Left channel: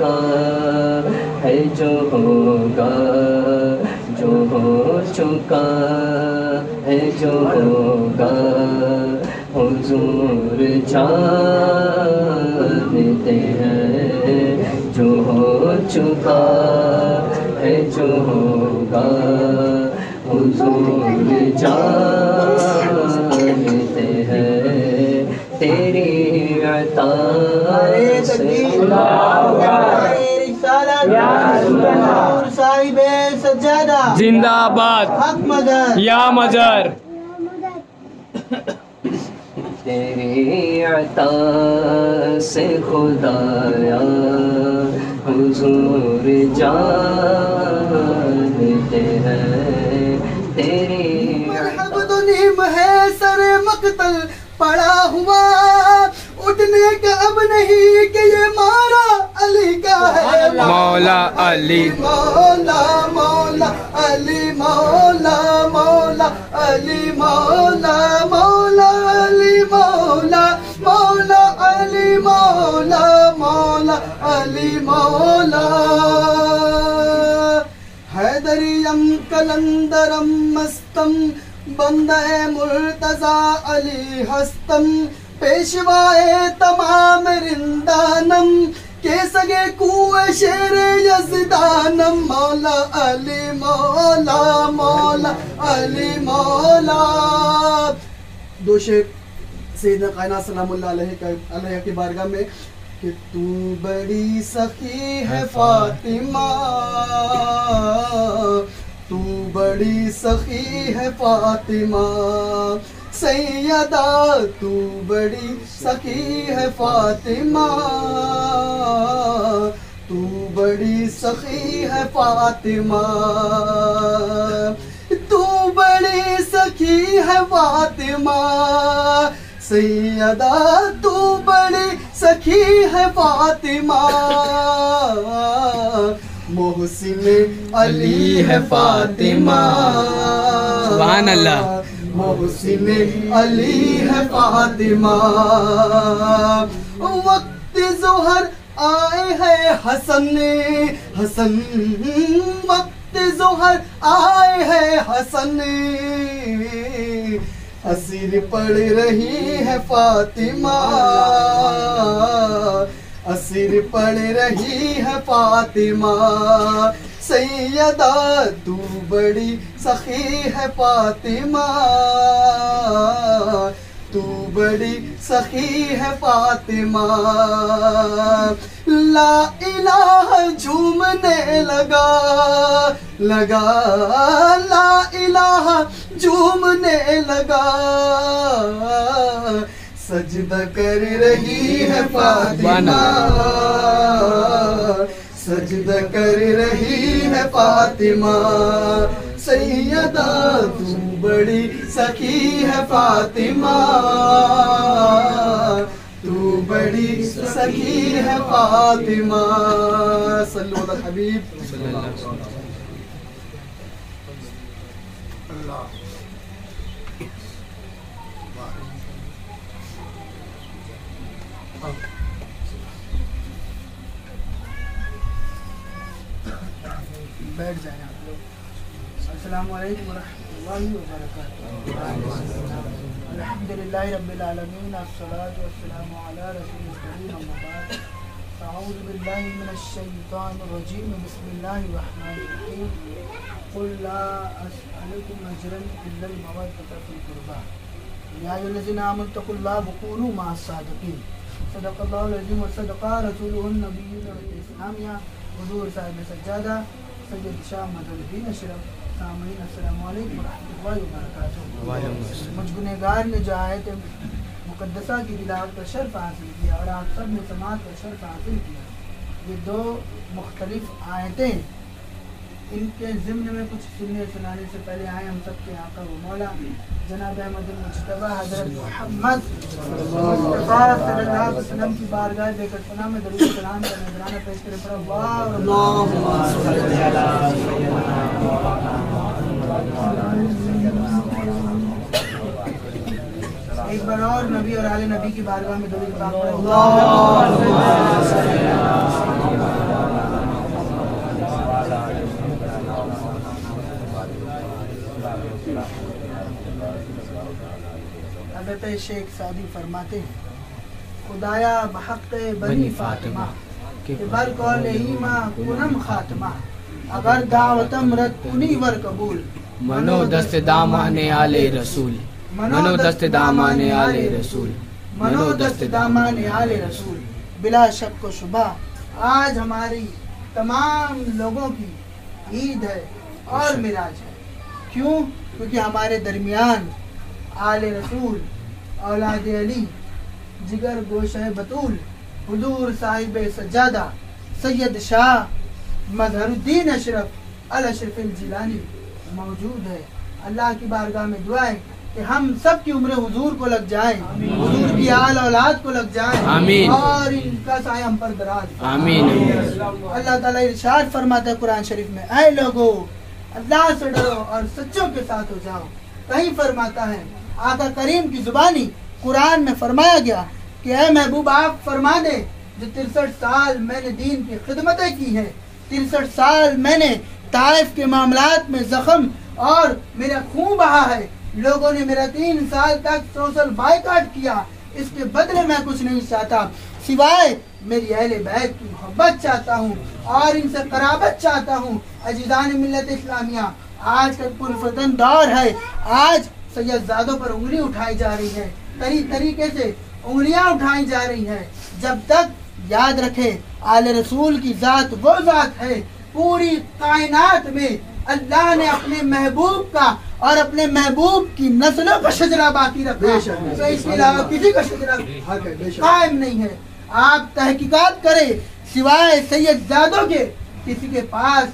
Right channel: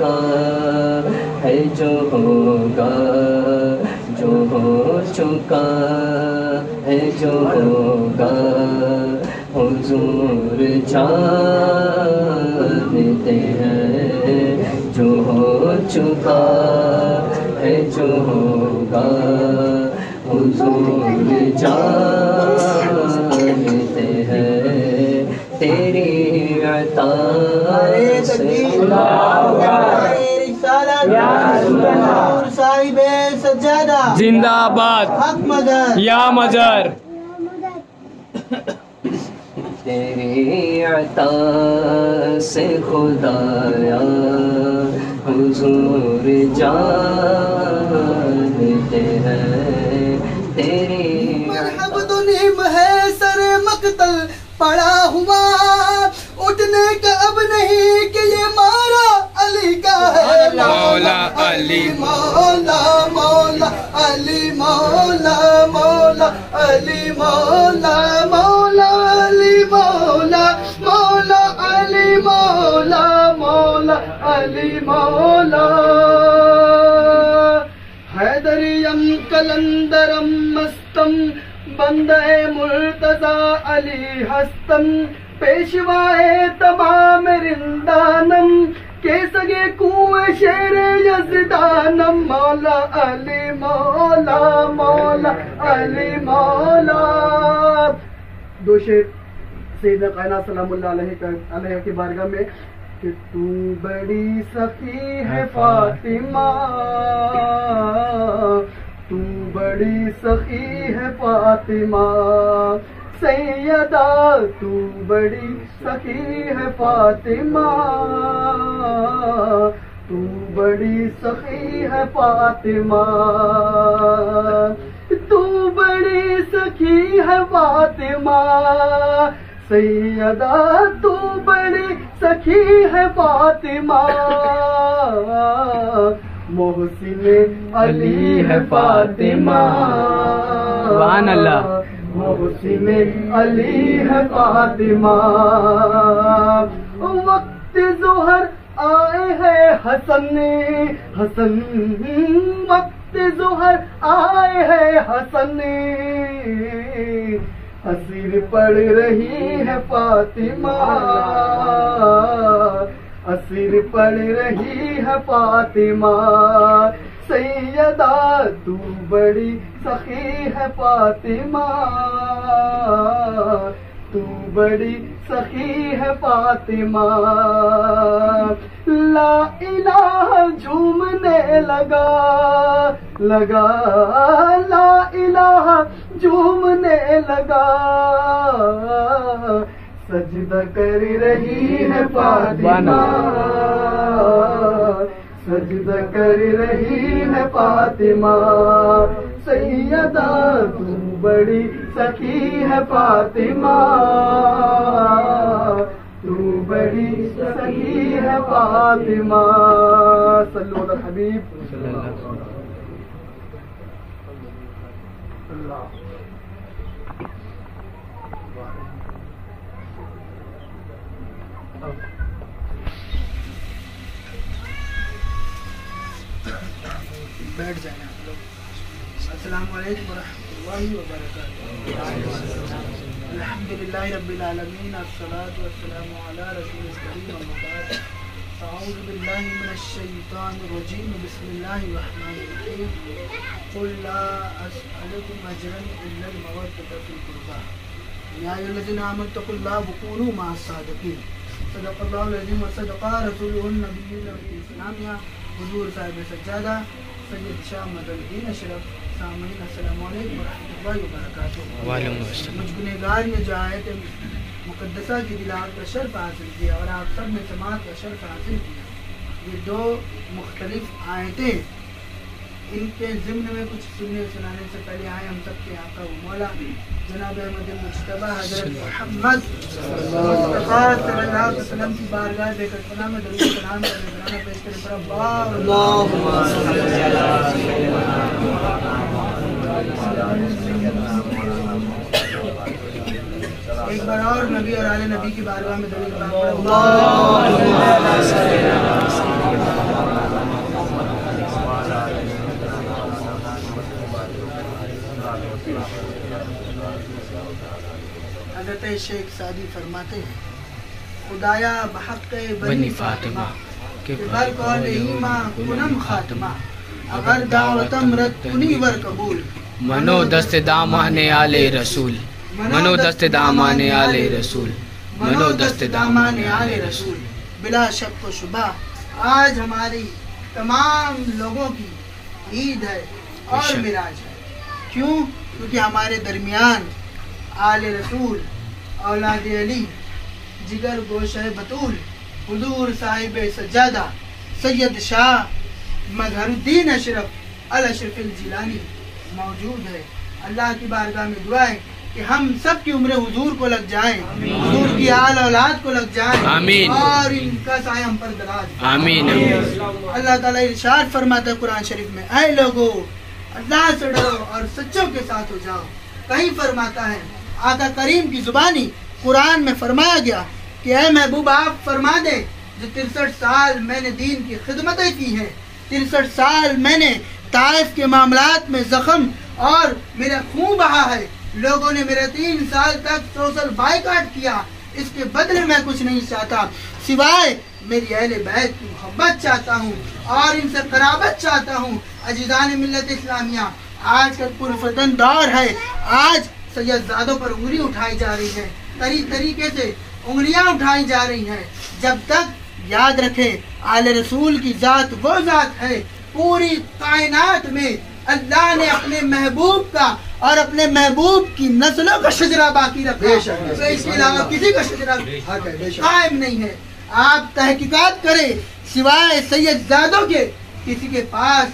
चुका है, जो होगा जो हो चुका है, जो होगा हुजूर जानते हैं। जो हो चुका है, जो होगा हुजूर जानते हैं। तेरी अता से जिंदाबाद या मजर। तेरी अता से खुदाया हुजूर जानते हैं। तेरी अब्दुल्लीम है सर मकतल पड़ा हुआ, उठने का अब नहीं कि ये मारा अली का है। मौला अली मौला मौला अली मौला मौला अली मौला मौला अली मौला मौला अली मौला मौला अली मौला। हैदरियम कलंदरम मस्तम बंदे मुर्तजा अली हस्तम, पेशवाए तमाम रिंदानम के सगे कुए शेर यज़दानम। मौला अली मौला मौला अली मौला। दो शेर सैयदना कायनात सलामुल्लाह अलैहि की बारगाह में कि तू बड़ी सखी है फातिमा, तू बड़ी सखी है फातिमा सैयदा, तू बड़ी सखी है फातिमा, तू बड़ी सखी है फातिमा, तू बड़ी सखी है फातिमा सैयदा, तू बड़ी सखी है फातिमा। मोहसिन अली है फातिमा, सुभान अल्लाह। मोहसिन अली है फातिमा। वक्त ज़ोहर आए हैं हसन हसन, वक्त ज़ोहर आए हैं हसन, असीर पड़ रही है फातिमा, असीर पड़ रही है फातिमा सैयदा, तू बड़ी सखी है फातिमा, तू बड़ी सखी है फातिमा। ला इलाहा झूमने लगा लगा, ला इलाहा झूमने लगा, सजदा कर रही है फातिमा, सजदा कर रही है फातिमा सैयदा, तू बड़ी सखी है फातिमा, तू बड़ी सखी है फातिमा। सल्लल्लाहु अलैहि हबीब अल्लाह। बैठ जाएं आप लोग। अस्सलामु अलैकुम वरहमतुल्लाहि वबरकातुहू। अल्हम्दुलिल्लाहि रब्बिल आलमीन, अस्सलातु वस्सलामु अला रसूलिल करीम, अम्मा बाद। अऊज़ु बिल्लाहि मिनश शैतानिर रजीम, बिस्मिल्लाहिर रहमानिर रहीम। कुल ला अस्अलुकुम अजरन इल्लल मवद्दता फिल कुर्बा, या अय्युहल्लज़ीना आमनु तक़ुल्लाह व कूनू मअस सादिक़ीन। सदक़ल्लाहुल अज़ीम व सदक़ा रसूलुहुन नबिय्युल इस्लामिया हुज़ूर साहिब सज्जादा सैयद शाह मददीन अशरफ। सामीन अस्सलामु अलैकुम व रहमतुल्लाहि व बरकातुहू। मुझगुनहगार ने जो आयत मुक़द्दसा की तिलावत का शर्फ हासिल किया और आप सब ने समाअत का शर्फ हासिल किया, ये दो मुख्तलिफ आयतें, इनके ज़िम्न में कुछ सुनने सुनाने से पहले आए हम सब के आका व मौला जनाब अहमद मुज्तबा हज़रत मोहम्मद मुस्तफ़ा सल्लल्लाहु अलैहि वसल्लम की बारगाह बेहतर पनाह में दरूद सलाम का नज़राना पेश करें। पर एक बार और नबी और आले नबी की बारगाह में दरूद सलाम पढ़ें। हज़रत शेख सादी फरमाते हैं, खुदाया बहक़ बनी फातिमा के बर कौल ईमा कुनम खातिमा, अगर दावतम रद कुनी वर कबूल, मनो दस्त दामाने आले रसूल, मनो दस्त दामाने आले रसूल, मनो दस्त दामाने आले रसूल। बिला शक व शुबा आज हमारी तमाम लोगों की ईद है और मिराज है। क्यों? क्योंकि हमारे दरमियान आले रसूल, औलाद अली, जिगर गोशे बतूल, हुजूर साहिब सज्जादा सैयद शाह मजहरुद्दीन अशरफ अल अशरफिल जिलानी मौजूद है। अल्लाह की बारगाह में दुआ है कि हम सब की उम्र हुजूर को लग जाए, हुजूर की आल औलाद को लग जाए, आमीन, और इनका साया हम पर दराज। आमीन। अल्लाह ताला इरशाद फरमाता है कुरान शरीफ में, ऐ लोगो अल्लाह से डरो और सच्चों के साथ हो जाओ। कहीं फरमाता है आका करीम की जुबानी कुरान में फरमाया गया कि ऐ महबूब आप फरमा दे, जो 63 साल मैंने दीन की खिदमतें की हैं, 63 साल मैंने ताइफ के मामलात में जख्म और मेरा खून बहा है, लोगों ने मेरा 3 साल तक सोशल बायकॉट किया, इसके बदले मैं कुछ नहीं चाहता सिवाय मेरी अहले बैत की मोहब्बत चाहता हूँ और इनसे कराबत चाहता हूँ। अजीज़ान मिल्लत इस्लामिया, आज का पुरफतन दौर है। आज सैयदजादों पर उंगली उठाई जा रही है, तरीके से उंगलियां उठाई जा रही हैं। जब तक याद रखें आले रसूल की जात वो जात है, पूरी कायनात में अल्लाह ने अपने महबूब का और अपने महबूब की नस्लों का शजरा बाकी रखा, तो इसके अलावा किसी का शजरा कायम नहीं है। आप तहकीकात करें, सिवाय सैयदजादों के किसी के पास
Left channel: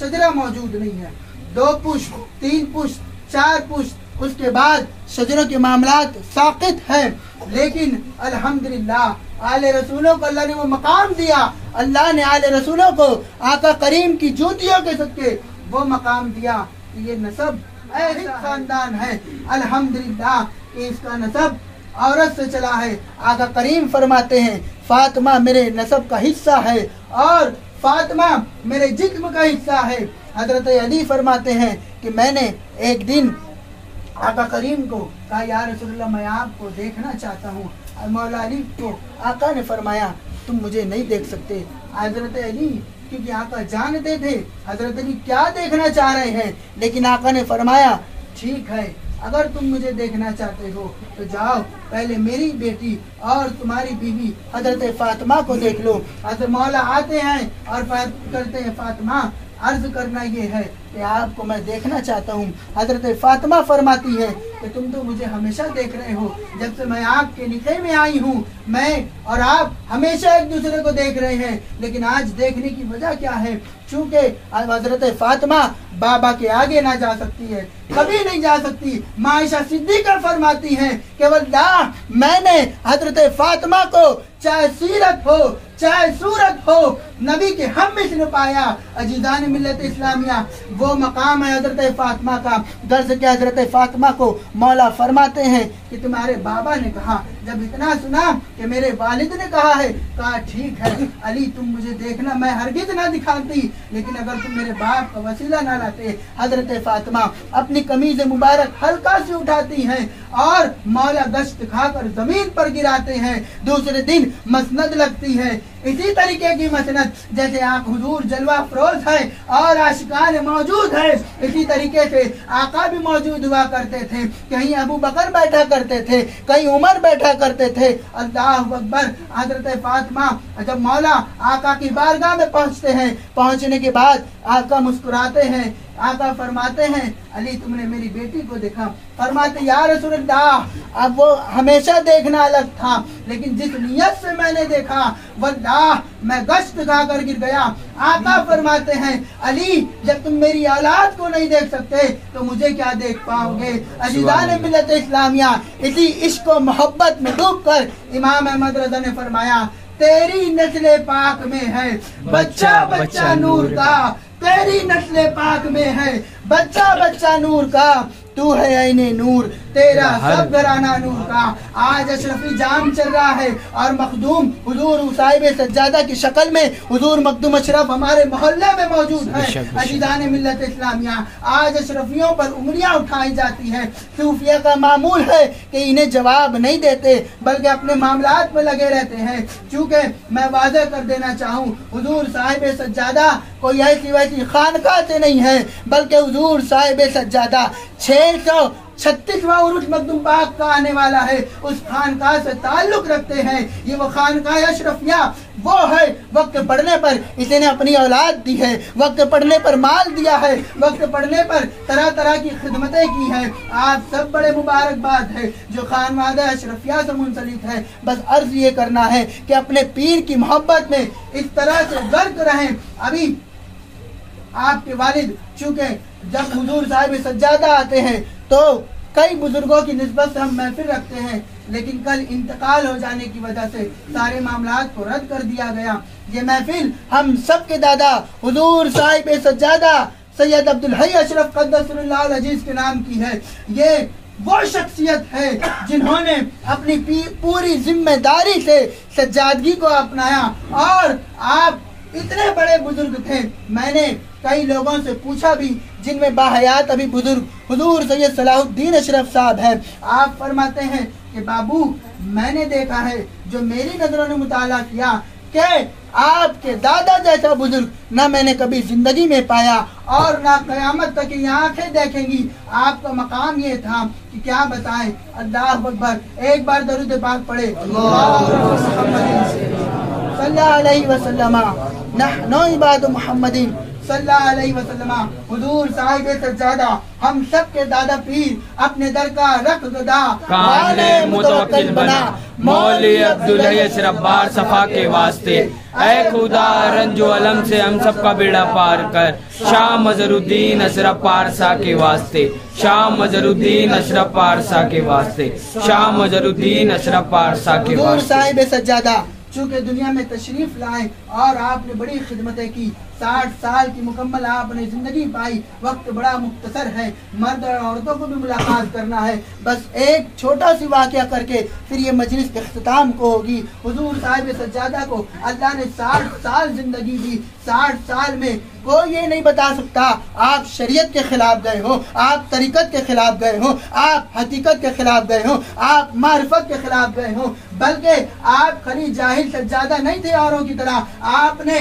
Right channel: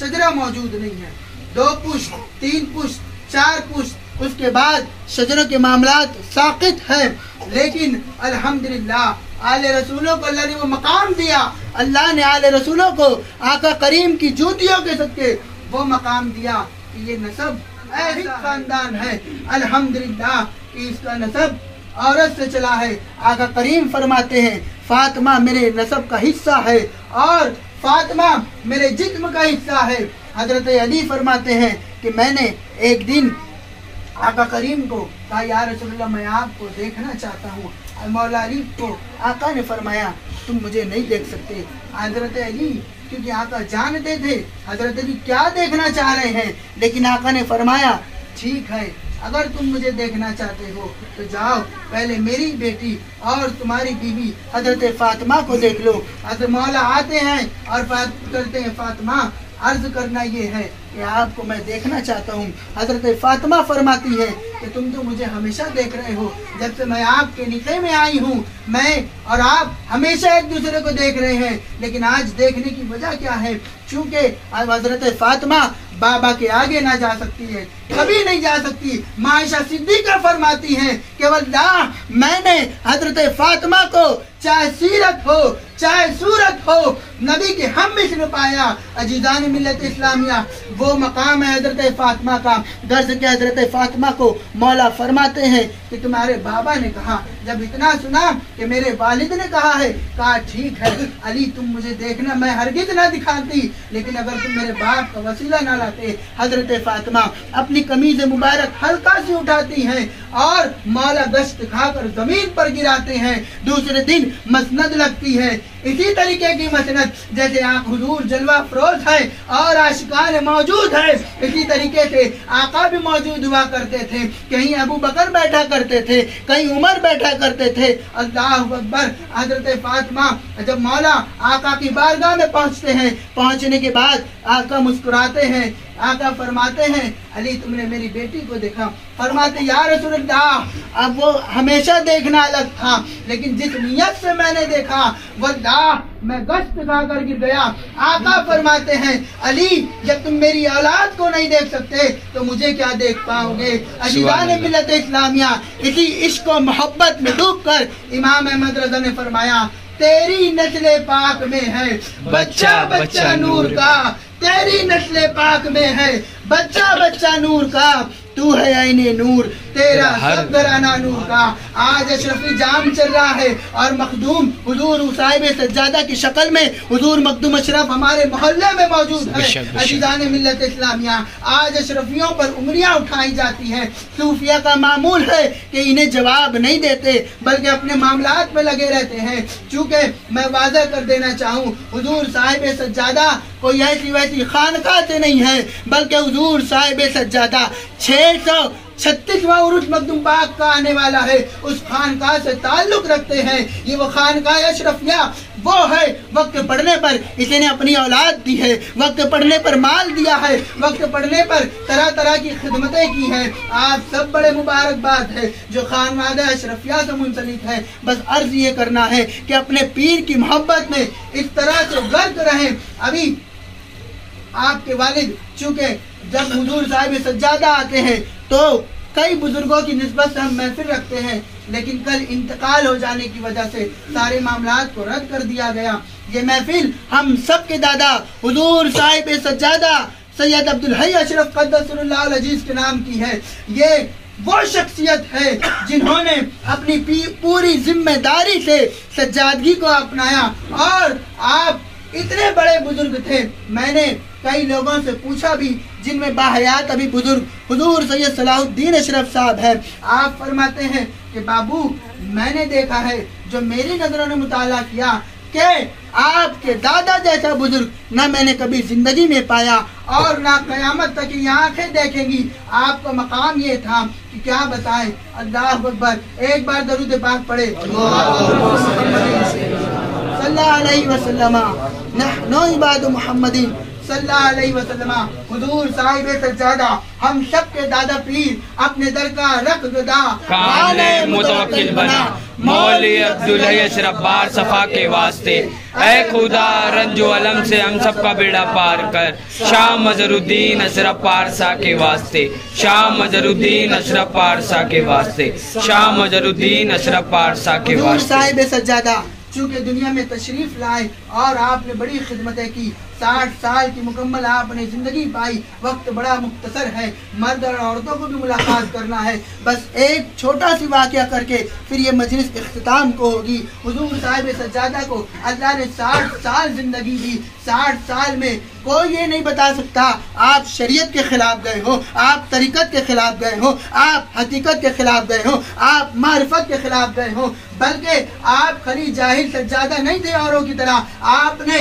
शजरा मौजूद नहीं है। 2 पुश्त, 3 पुश्त, 4 पुश्त, उसके बाद शजरों के मामलात साकित है। लेकिन अल्हम्दुलिल्लाह आले रसूलों को अल्लाह ने वो मकाम दिया, अल्लाह ने आले रसूलों को आका करीम की जूतियों के सदके वो मकाम दिया कि ये नसब ऐसा खानदान है अल्हम्दुलिल्लाह कि इसका नसब औरत से चला है। आका करीम फरमाते हैं फातिमा मेरे नसब का हिस्सा है और फातिमा मेरे जिस्म का हिस्सा है। हजरत अली फरमाते हैं कि मैंने एक दिन आका करीम को कहा, या रसूलल्लाह मैं आपको देखना चाहता हूँ। मौला अली को आका ने फरमाया तुम मुझे नहीं देख सकते। हजरत अली क्योंकि आका जानते थे हजरत अली क्या देखना चाह रहे हैं, लेकिन आका ने फरमाया ठीक है, अगर तुम मुझे देखना चाहते हो तो जाओ पहले मेरी बेटी और तुम्हारी बीवी हजरत फातिमा को देख लो। हजरत मौला आते हैं और करते हैं फातिमा अर्ज करना ये है कि आपको मैं देखना चाहता हूँ। हजरत फातिमा फरमाती है कि तुम तो मुझे हमेशा देख रहे हो, जब से मैं आपके निकाह में आई हूँ मैं और आप हमेशा एक दूसरे को देख रहे हैं, लेकिन आज देखने की वजह क्या है? चूंकि हजरत फातिमा बाबा के आगे ना जा सकती है, कभी नहीं जा सकती। मायशा सिद्दीका फरमाती हैं कि वल्लाह मैंने हजरत फातिमा को चाहे सीरत हो चाहे सूरत हो नबी के हम मिस्र पाया। अजीज़ान मिल्लत इस्लामिया, वो मकाम है हजरत फातिमा का। गर्ज के हजरत फातिमा को मौला फरमाते हैं कि तुम्हारे बाबा ने कहा, जब इतना सुना कि मेरे वालिद ने कहा है, कहा ठीक है अली तुम मुझे देखना, मैं हरगिज ना दिखाती, लेकिन अगर तुम मेरे बाप का वसीला ना लाते। हजरत फातिमा अपनी कमीज मुबारक हल्का सी उठाती हैं और मौला गश्त खाकर जमीन पर गिराते हैं। दूसरे दिन मसनद लगती है, इसी तरीके की मसनद जैसे आप हुजूर जलवा फरोज है और आशिकान मौजूद है, इसी तरीके से आका भी मौजूद हुआ करते थे। कहीं अबू बकर बैठा करते थे, कहीं उमर बैठा करते थे। अल्लाह अकबर। हजरत फातिमा जब मौला आका की बारगाह में पहुंचते हैं, पहुंचने के बाद आका मुस्कुराते हैं। आका फरमाते हैं अली तुमने मेरी बेटी को देखा? फरमाते या रसूलल्लाह अब वो हमेशा देखना अलग था, लेकिन जिस नियत से मैंने देखा वल्लाह मैं गश्त खाकर गिर गया। आका फरमाते हैं अली जब तुम मेरी औलाद को नहीं देख सकते तो मुझे क्या देख पाओगे? अजीज़ान मिल्लत इस्लामिया, इसी इश्क और मोहब्बत में डूबकर इमाम अहमद रज़ा ने फरमाया तेरी नस्ल पाक में है बच्चा बच्चा नूर का, तेरी नस्ल पाक में है बच्चा बच्चा नूर का। तू है आईने नूर, तेरा सब घराना नूर का। आज अशरफी जाम चल रहा है और मखदूम हुजूर साहिब सज्जादा की शक्ल में हुजूर मखदूम अशरफ हमारे मोहल्ले में मौजूद है। अजीज़ान मिल्लत इस्लामिया, आज अशरफियों पर उंगलियां उठाई जाती हैं। सूफिया का मामूल है कि इन्हें जवाब नहीं देते बल्कि अपने मामलात में लगे रहते हैं। चूँकि मैं वाज़ह कर देना चाहूँ, हुजूर साहिब सज्जादा कोई ऐसी वैसी खानका से नहीं है, बल्कि हुजूर साहिब सज्जादा 636वां उरुस मखदूम पाक का आने वाला है, उस खानका से ताल्लुक रखते हैं। ये वो खानका अशरफिया वो है, वक्त पढ़ने पर इसने अपनी औलाद दी है, वक्त पढ़ने पर माल दिया है, वक्त पढ़ने पर तरह तरह की खिदमतें की हैं। आप सब बड़े मुबारकबाद है जो खानवादा अशरफिया से मुंसलिक है। बस अर्ज ये करना है कि अपने पीर की मोहब्बत में इस तरह से गर्क रहें। अभी आपके वालिद चूँकि जब हुजूर साहिब सज्जादा आते हैं तो कई बुजुर्गों की निस्बत से हम महफिल रखते हैं, लेकिन कल इंतकाल हो जाने की वजह से सारे मामलात को रद्द कर दिया गया। ये महफिल हम सब के दादा हुजूर साहिब सज्जादा सैयद अब्दुल हई अशरफ क़द्दसल्लाहु अज़ीज़ के नाम की है। ये वो शख्सियत है जिन्होंने अपनी पूरी जिम्मेदारी से सज्जादगी को अपनाया। और आप इतने बड़े बुजुर्ग थे, मैंने कई लोगों से पूछा भी जिनमें बाहयात अभी बुजुर्ग हुजूर सैयद सलाहुद्दीन अशरफ साहब है। आप फरमाते हैं कि बाबू मैंने देखा है, जो मेरी नजरों ने मुताला किया कि आपके दादा जैसा बुजुर्ग ना मैंने कभी जिंदगी में पाया और ना कयामत तक की आंखें देखेंगी। आपका मकाम ये था कि क्या बताएं। अल्लाह अकबर। एक बार दरूद पाक पढ़े सल्लल्लाहु अलैहि वसल्लम, नहनु इबादु मुहम्मदीन सल्लल्लाहु अलैहि वसल्लम। हुजूर साहिब सज्जादा हम सब के दादा पीर अपने दर का रख गदा काने मुतवक्किल बना, मौली अब्दुल हई अशरफ बार सफा के वास्ते। ऐ खुदा रंजो अलम से हम सब का बेड़ा पार कर, शाह मजरुद्दीन अशरफ पारसा के वास्ते, शाह मजरुद्दीन अशरफ पारसा के वास्ते, शाह मजरुद्दीन अशरफ पारसा के वास्ते। साहिब सज्जादा चूँकि दुनिया में तशरीफ लाए और आपने बड़ी खिदमतें की, 60 साल की मुकम्मल आपने जिंदगी पाई। वक्त बड़ा मुख्तसर है, मर्द और औरतों को भी मुलाकात करना है। बस एक छोटा सी वाक़या करके फिर ये मजलिस के इख्तिताम को होगी। हुजूर साहिब सज्जादा को अल्लाह ने 60 साल जिंदगी दी। 60 साल में कोई ये नहीं बता सकता आप शरीयत के खिलाफ गए हो, आप तरीकत के खिलाफ गए हो, आप हकीकत के खिलाफ गए हो, आप मारिफत के खिलाफ गए हो, बल्कि आप खरी जाहिल सज्जादा नहीं थे औरों की तरह। आपने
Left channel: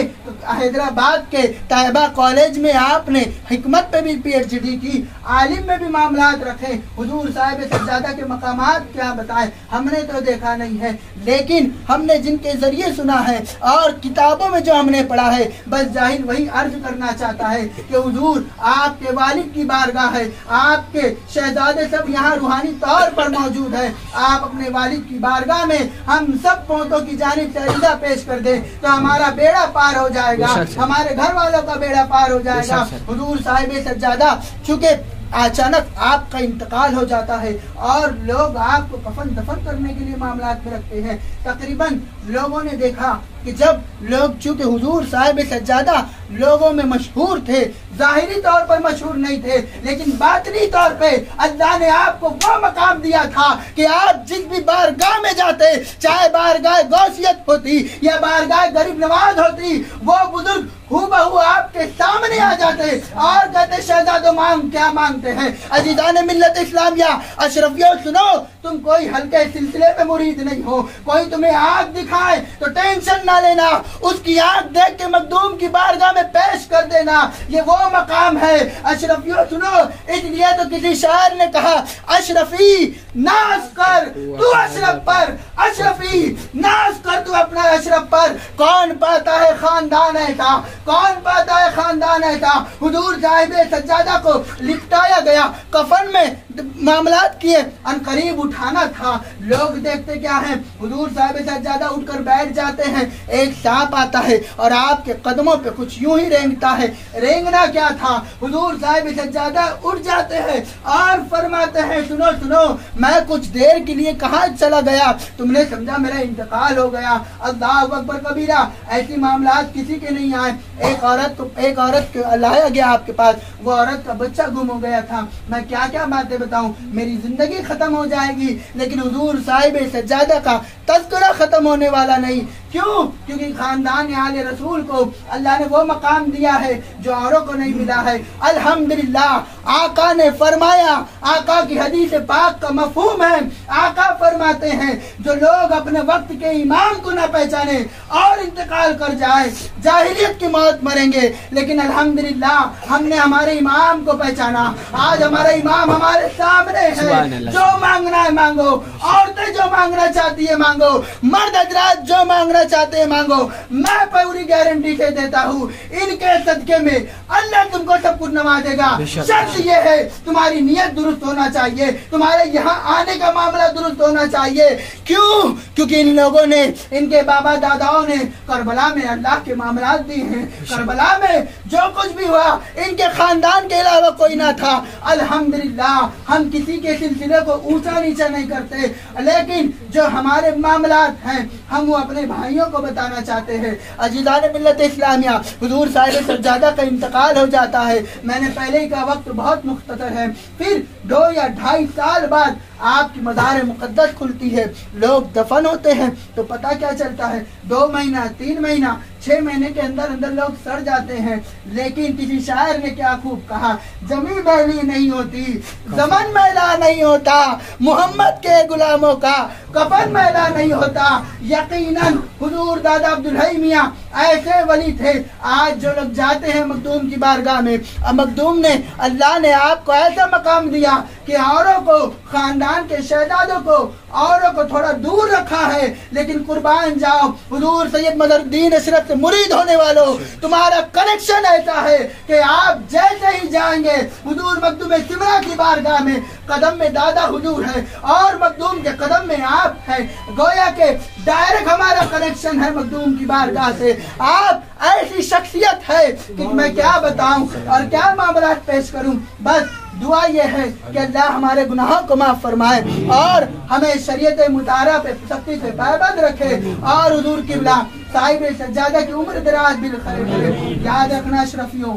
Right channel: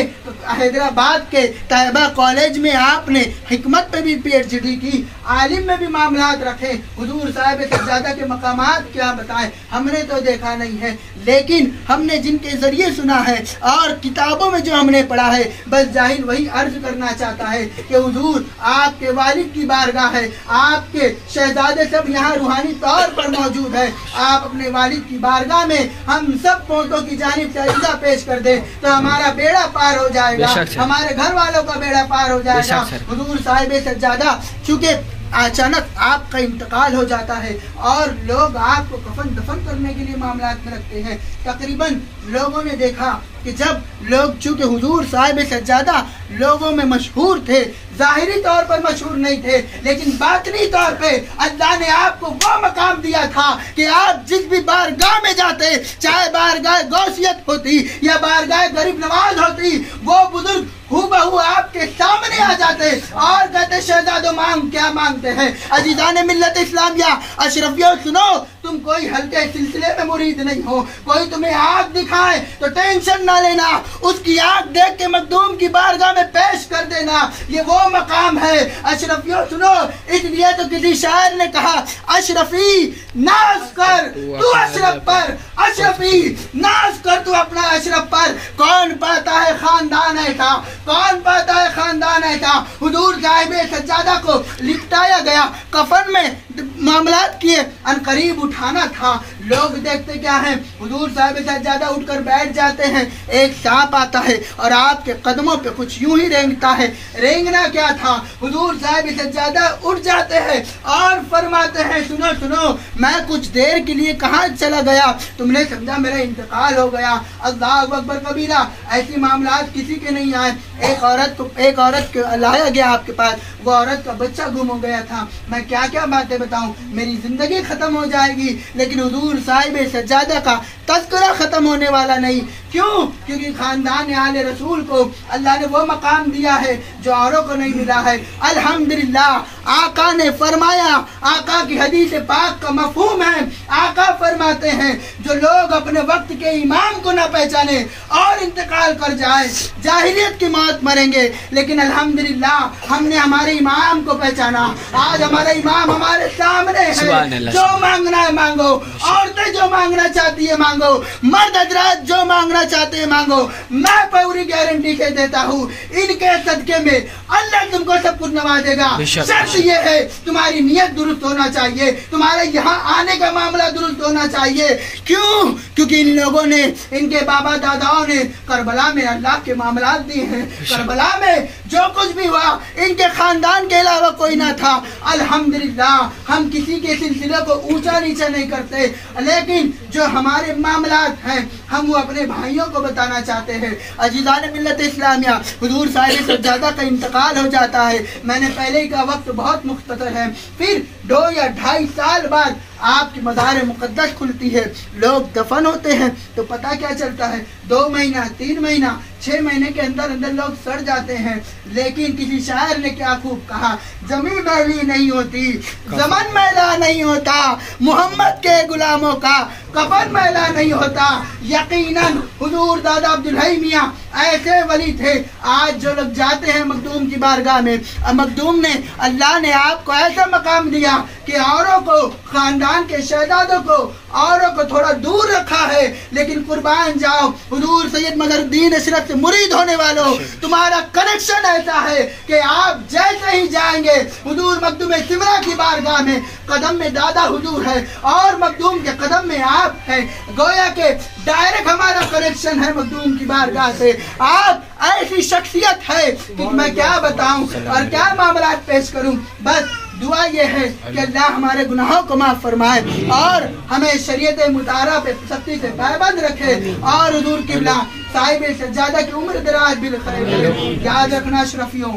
हैदराबाद के तैयबा कॉलेज में आपने हिकमत पे भी PhD की, आलिम में भी मामलात रखे। हुजूर साहिब सज्जादा के मकामात क्या बताएं, हमने तो देखा नहीं है, लेकिन हमने जिनके जरिए सुना है और किताबों में जो हमने पढ़ा है, बस जाहिल वही अर्ज करना चाहता है कि हुजूर आपके वालिद की बारगाह है, आपके शहजादे सब यहाँ रूहानी तौर पर मौजूद है। आप अपने वालिद की बारगाह में हम सब पोतों की जानिब से अक़ीदा पेश कर दे तो हमारा बेड़ा पार हो जाएगा, हमारे घर वालों का बेड़ा पार हो जाएगा। हुजूर साहिब सज्जादा चूँकि अचानक आपका इंतकाल हो जाता है और लोग आपको कफन दफन करने के लिए मामलात में रखते हैं। तकरीबन लोगों ने देखा कि जब लोग चूँकि हुजूर साहिब सज्जादा लोगों में मशहूर थे, जाहिरी तौर पर मशहूर नहीं थे, लेकिन बातनी तौर पे अल्लाह ने आपको वो मकाम दिया था कि आप जिस भी बारगाह में जाते, चाहे बारगाह गौसियत होती या बारगाह गरीब नवाज होती, वो बुजुर्ग हूबहू आपके सामने आ जाते और कहते शहजादो मांग क्या मांगते हैं। अजीज़ान मिल्लत इस्लामिया, अशरफियों सुनो, तुम कोई हल्के सिलसिले में मुरीद नहीं हो। कोई तुम्हें आग दिखाए तो टेंशन ना लेना, उसकी आग देख के मखदूम की बारगाह में पेश कर देना, ये वो मकाम है। अशरफियों सुनो, इसलिए तो किसी शायर ने कहा अशरफी नाज कर तू अशरफ पर, अशरफी नाज कर तू अपना अशरफ पर। कौन पाता है खानदान ऐसा, कौन पाता है खानदान ऐसा। हुजूर साहिब सज्जादा को लिपटाया गया, कफन में मामलात किए, अनकरीब उठाना था। लोग देखते क्या है, हुजूर साहिब सज्जादा उठकर बैठ जाते हैं, एक सांप आता है और आपके कदमों पे कुछ यूं ही रेंगता है। रेंगना क्या था, हुजूर साहिब सज्जादा उठ जाते हैं और फरमाते हैं सुनो सुनो, मैं कुछ देर के लिए कहाँ चला गया, तुमने समझा मेरा इंतकाल हो गया। अल्लाह अकबर कबीरा। ऐसी मामलात किसी के नहीं आए। एक औरत को लाया गया आपके पास, वो औरत का बच्चा गुम हो गया था। मैं क्या क्या बातें बताऊं, मेरी जिंदगी खत्म हो जाएगी, लेकिन हुजूर साहिब सज्जादा का तज़किरा खत्म होने वाला नहीं। क्यों? क्योंकि खानदान आले रसूल को अल्लाह ने वो मकाम दिया है जो औरों को नहीं मिला है। अल्हम्दुलिल्लाह। आका ने फरमाया, आका की हदीस पाक का मफहूम है, आका फरमाते हैं जो लोग अपने वक्त के इमाम को न पहचाने और इंतकाल कर जाए, जाहिलियत की मौत मरेंगे। लेकिन अल्हम्दुलिल्लाह हमने हमारे इमाम को पहचाना। आज हमारा इमाम हमारे सामने है। जो मांगना है मांगो, औरतें जो मांगना चाहती है मांगो, मर्द हजरात जो मांगना चाहते हैं मांगो। मैं पूरी गारंटी से देता हूँ, इनके सदके में अल्लाह तुमको सब कुछ नवाजेगा। शर्त ये है, तुम्हारी नियत दुरुस्त होना चाहिए, तुम्हारे यहाँ आने का मामला दुरुस्त होना चाहिए। क्यों? क्योंकि इन लोगों ने, इनके बाबा दादाओं ने करबला में अल्लाह के मामलात दिए हैं। करबला में जो कुछ भी हुआ, इनके खानदान के अलावा कोई ना था। अल्हम्दुलिल्लाह हम किसी के सिलसिले को ऊंचा नीचा नहीं करते, लेकिन जो हमारे मामलात हैं हम वो अपने भाइयों को बताना चाहते हैं। अजीज़ान मिल्लत इस्लामिया, हुजूर साहिब सज्जादा का इंतकाल हो जाता है। मैंने पहले ही का वक्त बहुत मुख्तसर है। फिर 2 या 2.5 साल बाद आपकी मज़ार मुक़द्दस खुलती है, लोग दफन होते हैं। तो पता क्या चलता है, 2 महीना 3 महीना 6 महीने के अंदर अंदर लोग सड़ जाते हैं। लेकिन किसी शायर ने क्या खूब कहा, जमीन मैली नहीं होती, ज़मन मैला नहीं होता, मोहम्मद के गुलामों का कफन मैला नहीं होता। यकीनन हुजूर दादा अब्दुल हई मियां ऐसे वली थे। आज जो लोग जाते हैं मखदूम की बारगाह में, मखदूम ने, अल्लाह ने आपको ऐसा मकाम दिया कि औरों को, खानदान के शहजादों को, औरों को थोड़ा दूर रखा है। लेकिन कुर्बान जाओ, हुजूर सैयद मदरुद्दीन अशरफ से मुरीद होने वालों, तुम्हारा कनेक्शन ऐसा है कि आप जैसे ही जाएंगे हुजूर मखदूम सिमरा की बारगाह में, कदम में दादा हुजूर है और मखदूम के कदम में आप है। गोया के डायरेक्ट हमारा कनेक्शन है मखदूम की बारगाह से। आप ऐसी शख्सियत है कि मैं क्या बताऊं और क्या मामला पेश करूं। बस दुआ ये है कि अल्लाह हमारे गुनाहों को माफ फरमाए और हमें शरीयत मुतारा पे सख्ती से पाबंद रखे और हुजूर किबला साहिब सज्जादा की उम्र दराज बिल खैर करे। याद रखना अशरफियों,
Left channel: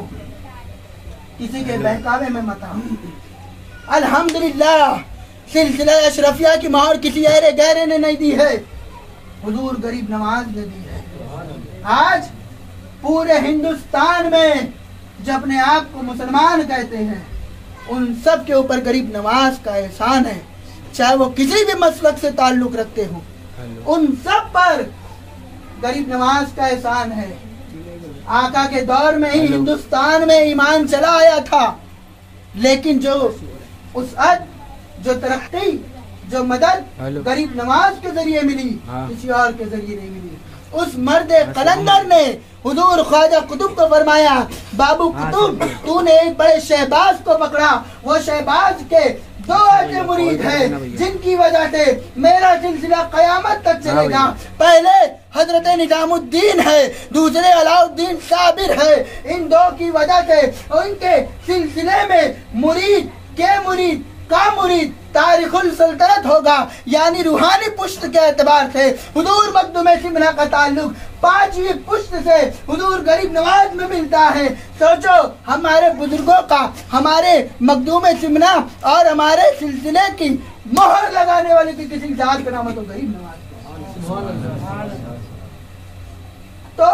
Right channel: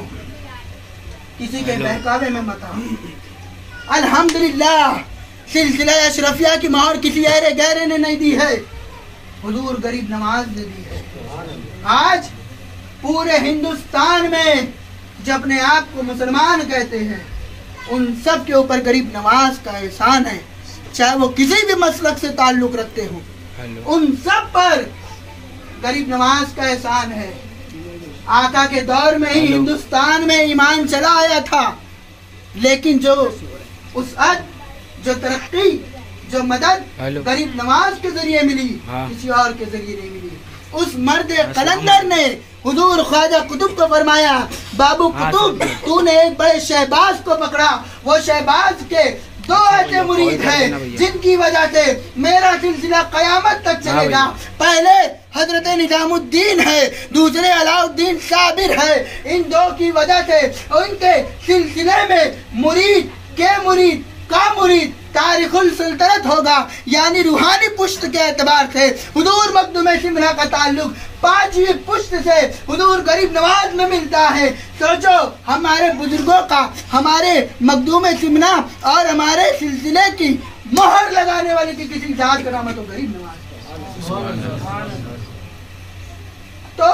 किसी के बहकावे में मत आओ। अल्हम्दुलिल्लाह सिलसिला अशरफिया की मोहर किसी ऐरे गहरे ने नहीं दी है, हुजूर गरीब नवाज ने दी है। आज पूरे हिंदुस्तान में जो अपने आप को मुसलमान कहते हैं, उन सब के ऊपर गरीब नवाज का एहसान है। चाहे वो किसी भी मसलक से ताल्लुक रखते हो, उन सब पर गरीब नवाज का एहसान है। आका के दौर में ही हिंदुस्तान में ईमान चला आया था, लेकिन जो उसअत, जो तरक्की, जो मदद गरीब नवाज के जरिए मिली, किसी और के जरिए नहीं मिली। उस मर्द कलंदर ने हुजूर ख्वाजा कुतुब को फरमाया, बाबू कुतुब तूने एक बड़े शहबाज को पकड़ा, वो शहबाज के 2 ऐसे मुरीद हैं जिनकी वजह से मेरा सिलसिला कयामत तक चलेगा। पहले हजरत निजामुद्दीन है, दूसरे अलाउद्दीन साबिर है। इन 2 की वजह से उनके सिलसिले में मुरीद के मुरीद का मुरीद तारिखुल सल्तनत होगा, यानी रूहानी पुश्त के एतबार से हुजूर मखदूम सिमरा का ताल्लुक 5वीं पुश्त से हुजूर गरीब नवाज में मिलता है। सोचो हमारे बुजुर्गों का, हमारे मखदूम सिमरा और हमारे सिलसिले की मोहर लगाने वाली की किसी जात का नाम तो गरीब नवाज। तो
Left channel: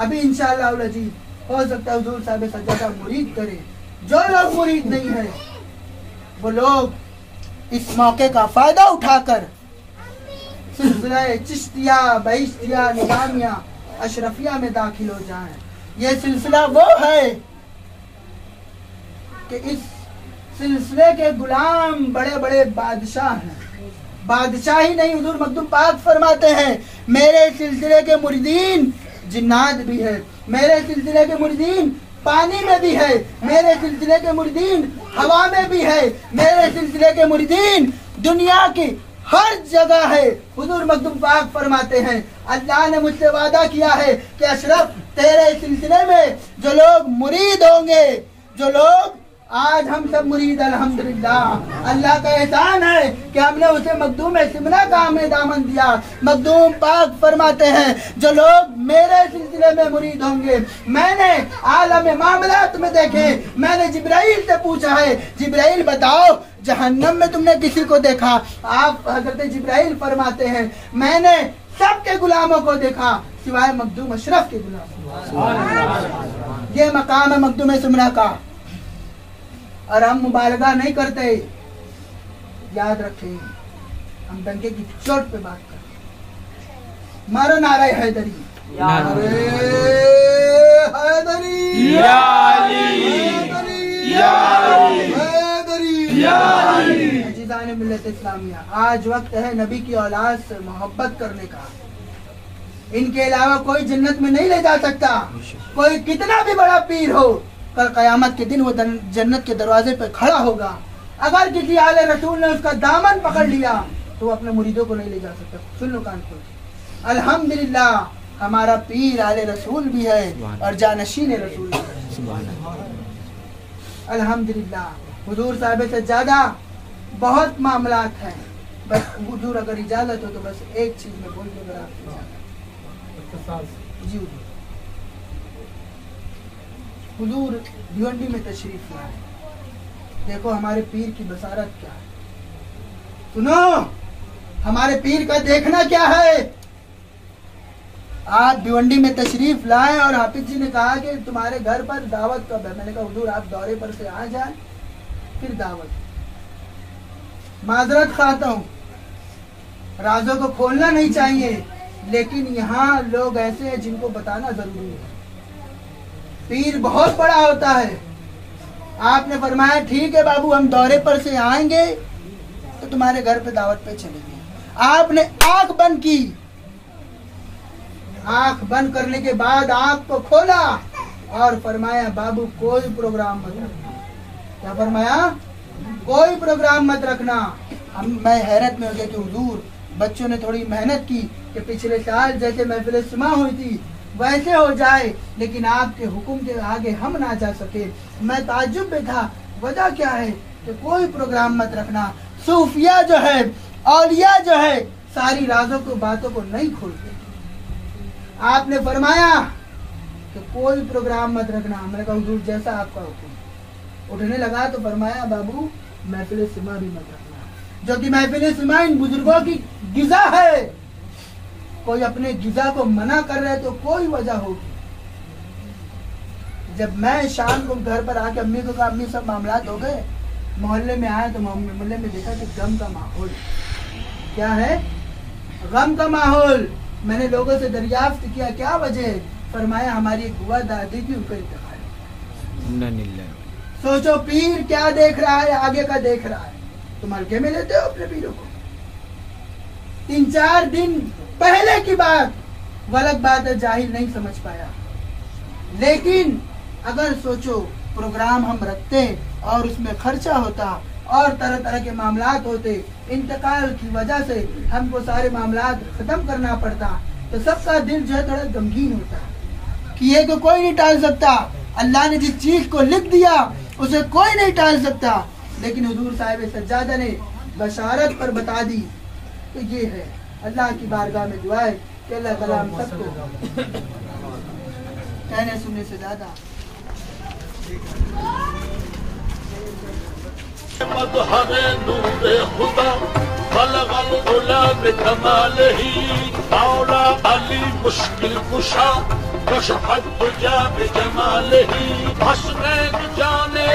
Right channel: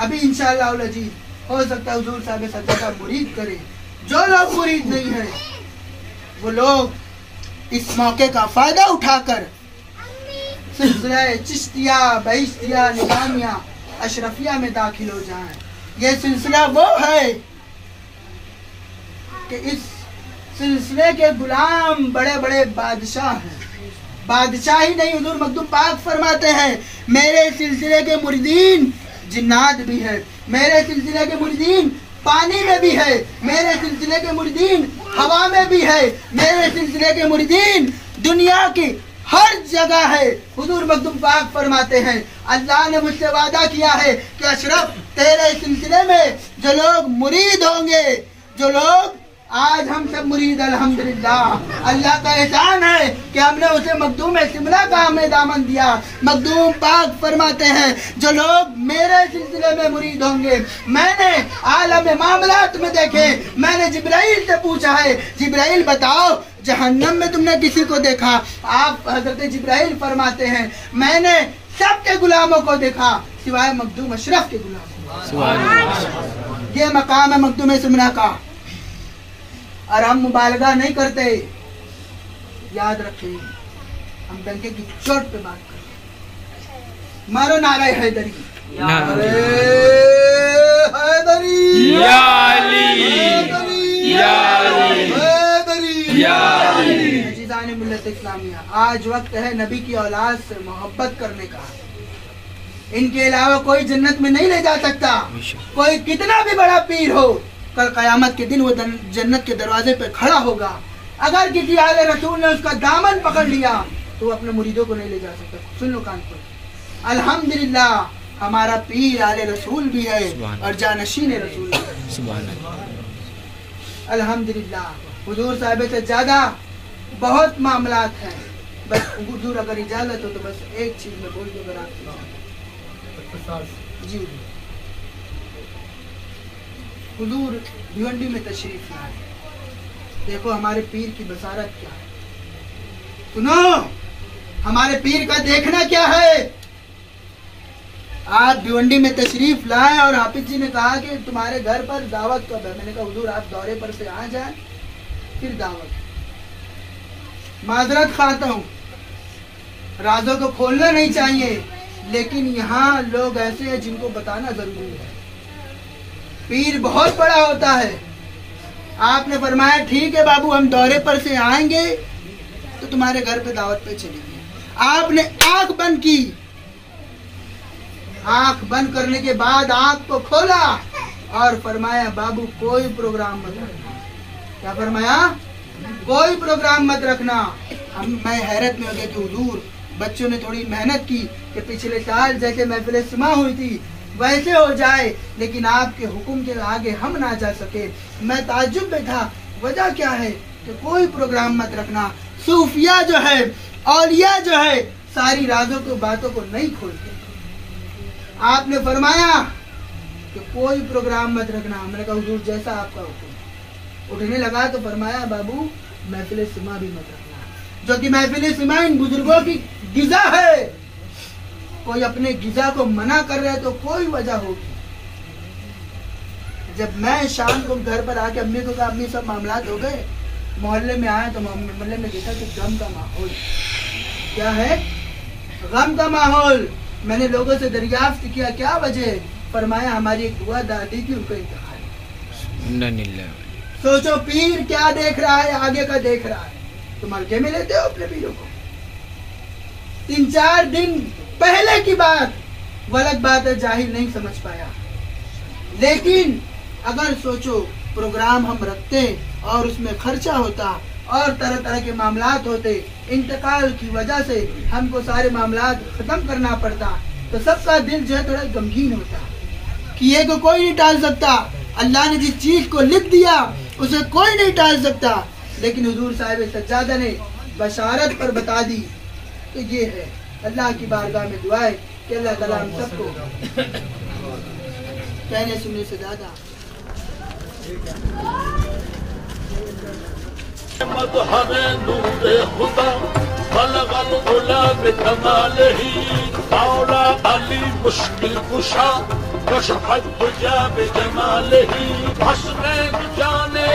अभी इंशाअल्लाह अजीज हो सकता है हुजूर साहिब सज्जादा मुरीद करे। जो लोग मुरीद नहीं है वो लोग इस मौके का फायदा उठाकर सिलसिला चिश्तिया, बहिश्तिया, निजामिया, अशरफिया में दाखिल हो जाएं। ये सिलसिला वो है कि इस सिलसिले के गुलाम बड़े बड़े बादशाह हैं। बादशाह ही नहीं, हुजूर मखदूम पाक फरमाते हैं मेरे सिलसिले के मुरीदीन जिन्नात भी है, मेरे सिलसिले के मुरीदीन पानी में भी है मेरे सिलसिले के मुरीदीन, हवा में भी है मेरे सिलसिले के मुरीदीन, दुनिया की हर जगह है। हुजूर मखदूम पाक फरमाते हैं अल्लाह ने मुझसे वादा किया है कि अशरफ तेरे सिलसिले में जो लोग मुरीद होंगे, जो लोग आज हम सब मुरीद अल्हम्दुलिल्लाह, अल्लाह का एहसान है कि हमने उसे मखदूम सिमला का हमें दामन दिया। मखदूम पाक फरमाते हैं जो लोग मेरे सिलसिले में मुरीद होंगे, मैंने आलम मामलात में देखे, मैंने जिब्राइल से पूछा है जिब्राइल बताओ जहन्नम में तुमने किसी को देखा? आप हजरत जिब्राइल फरमाते हैं मैंने सबके गुलामों को देखा सिवाय मखदूम अशरफ के गुलामों। ये मकाम है मखदूम सिमला का और हम मुबालगा नहीं करते। याद रखें हम डंके की चोट पे बात करते। मारो नारे हैदरी, नारे हैदरी, या अली, या अली, या अली। अजीज़ान मिल्लत इस्लामिया, आज वक्त है नबी की औलाद से मोहब्बत करने का। इनके अलावा कोई जन्नत में नहीं ले जा सकता, कोई कितना भी बड़ा पीर हो। कल कयामत के दिन वो जन्नत के दरवाजे पे खड़ा होगा। अगर किसी आले रसूल ने उसका दामन पकड़ लिया तो वो अपने मुरीदों को नहीं ले जा सकता। सुन लो कान खोल। अल्हम्दुलिल्लाह हमारा पीर आले रसूल भी है और जानशीन रसूल भी है। सुभान अल्लाह। अल्हम्दुलिल्लाह हुजूर साहब से ज्यादा बहुत मामलात हैं। बस हुजूर अगर इजाजत हो तो बस एक चीज में बोल दूं, अगर आप जी हुजूर भिवंडी में तशरीफ लाए, देखो हमारे पीर की बसारत क्या है। सुनो हमारे पीर का देखना क्या है। आप भिवंडी में तशरीफ लाए और हाफिज जी ने कहा कि तुम्हारे घर पर दावत कब है? मैंने कहा हुजूर आप दौरे पर से आ जाए फिर दावत। माजरत खाता हूँ, राजों को खोलना नहीं चाहिए, लेकिन यहाँ लोग ऐसे हैं जिनको बताना जरूरी है। पीर बहुत बड़ा होता है। आपने फरमाया ठीक है बाबू हम दौरे पर से आएंगे तो तुम्हारे घर पे दावत पे चलेंगे। आपने आंख बंद की, आंख बंद करने के बाद आंख को खोला और फरमाया बाबू कोई प्रोग्राम मत रखना। क्या फरमाया? कोई प्रोग्राम मत रखना। मैं हैरत में हो गया कि हुजूर बच्चों ने थोड़ी मेहनत की कि पिछले साल जैसे महफिल सिमा हुई थी वैसे हो जाए, लेकिन आपके हुक्म के आगे हम ना जा सके। मैं ताज्जुब में था, वजह क्या है कि कोई प्रोग्राम मत रखना। सूफिया जो है, औलिया जो है, सारी राजों को बातों को नहीं खोलते। आपने फरमाया कि कोई प्रोग्राम मत रखना। मैंने कहा हुजूर जैसा आपका हुक्म। उठने लगा तो फरमाया बाबू महफिल सिमा भी मत रखना, जो कि महफिल सिमा इन बुजुर्गों की गिजा है। कोई अपने गिजा को मना कर रहे तो कोई वजह होगी। जब मैं शाम को घर पर आके अम्मी को कहा अम्मी सब मामलात हो गए, मोहल्ले में आए तो मोहल्ले में देखा कि गम का माहौल। क्या है? गम का माहौल। मैंने लोगों से दरियाफ्त किया क्या वजह? फरमाया हमारी एक बुआ दादी थी उनको इंतकाल। सोचो पीर क्या देख रहा है, आगे का देख रहा है। तुम हल्के में लेते हो अपने पीरों को। 3-4 दिन पहले की बात, गलत बात है, जाहिल नहीं समझ पाया। लेकिन अगर सोचो प्रोग्राम हम रखते और उसमें खर्चा होता और तरह तरह के मामलात होते, इंतकाल की वजह से हमको सारे मामलात खत्म करना पड़ता, तो सबका दिल जो है थोड़ा गमगीन होता। किए को कोई नहीं टाल सकता। अल्लाह ने जिस चीज को लिख दिया उसे कोई नहीं टाल सकता। लेकिन हुजूर साहिब सज्जादा ने बशारत पर बता दी तो ये है। अल्लाह की बारगाह में दुआ है कि अल्लाह ताला हम सबको कहने सुनने से ज्यादा मुश्किल कुशा जाने